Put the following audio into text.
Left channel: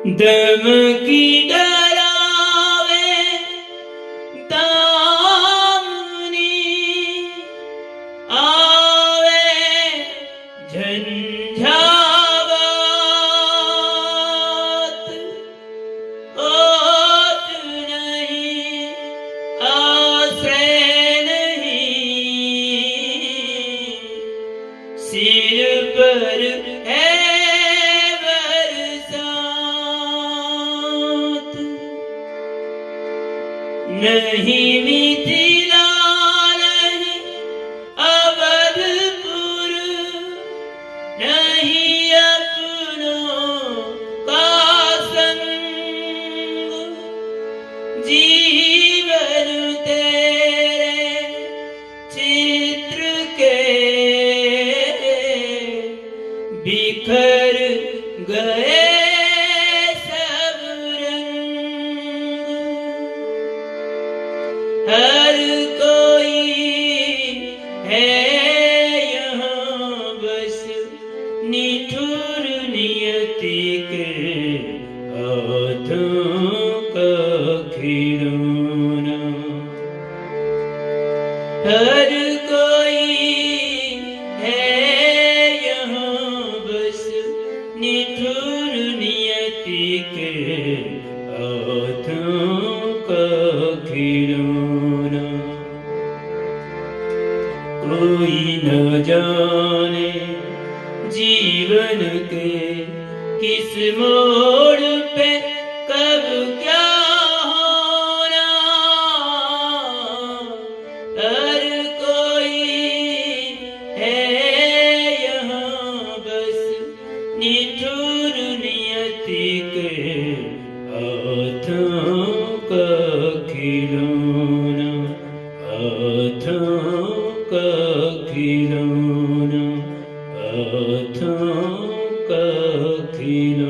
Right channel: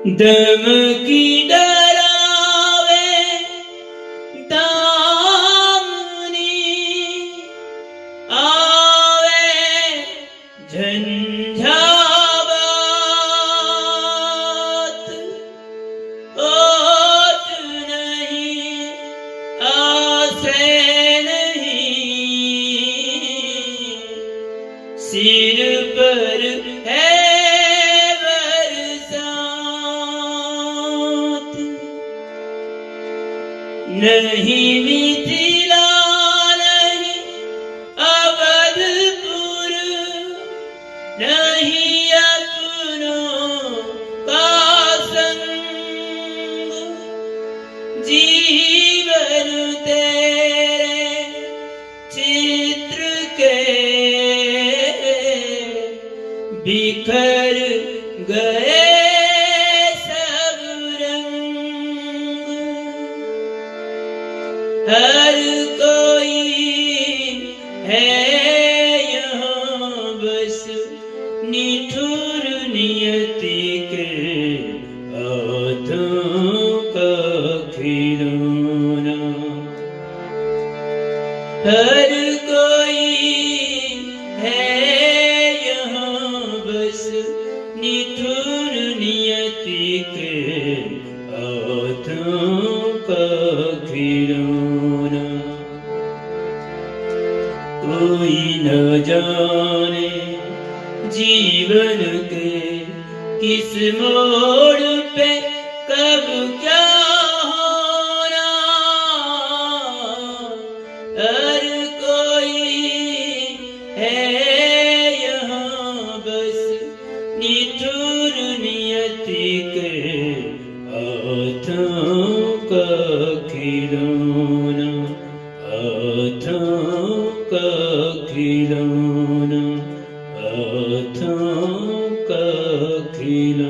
दम की डरावे दामनी आवे झंझावात ओत नहीं आश्रय नहीं सिर पर है नहीं मिथिला नहीं अवधपुर नहीं अपनों का संग जीवन तेरे चित्र के बिखर गए हर कोई है यहाँ बस निठुर नियति के हाथों का खिलौना। हर कोई है यहाँ बस निठुर नियति के हाथों का खिलौना। कोई न जाने जीवन के किस मोड़ पे कब क्या होना। हर कोई है यहाँ बस निठुर नियति के हाथों का खिलौना। हाथों का खिलौना। हाथों का खिलौना।